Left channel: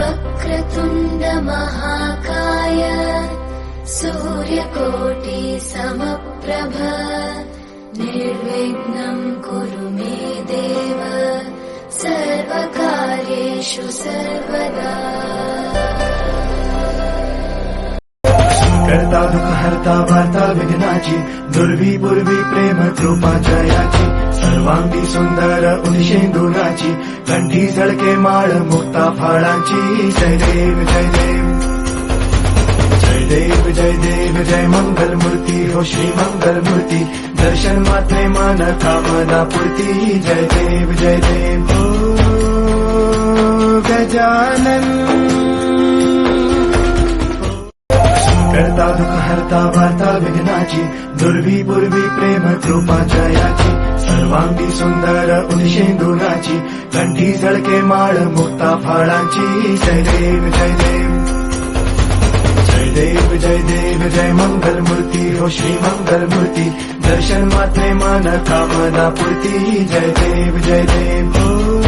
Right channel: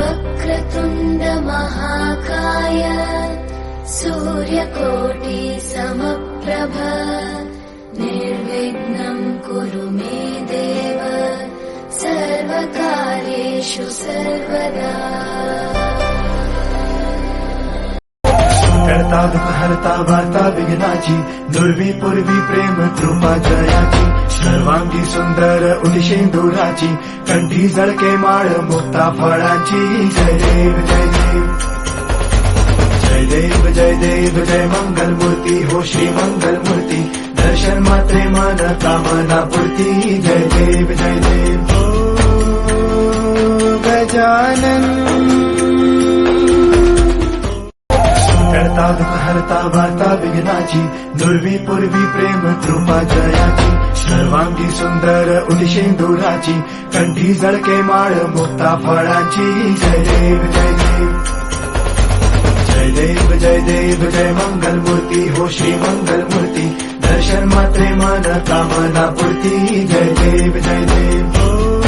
वक्रतुण्ड महाकाय सूर्यकोटि समप्रभ निर्विघ्नं कुरु मे देव सर्वकार्येषु सर्वदा। करता दुःख हरता वार्ता विघ्नाची दुर्वी पूर्वी प्रेम कृपा जयाची सर्वांगी सुंदर उदिशेंदुराची कंठी झळके माळ मुक्ता फळाची जय देव जय देव जय देव जय देव जय मंगल मूर्ती हो श्री मंगल मूर्ती दर्शन मात्रे मान कामना पूर्ती जय देव हो गजानन करता दुःख हरता वार्ता विघ्नाची दुर्वी पूर्वी प्रेम कृपा जयाची सर्वांगी सुंदर उदिशेंदुराची कंठी झळके माळ मुक्ता फळाची जय देव जय देव जय देव जय देव जय मंगल मूर्ती हो श्री मंगल मूर्ती दर्शन मात्रे मान कामना पूर्ती जय देव हो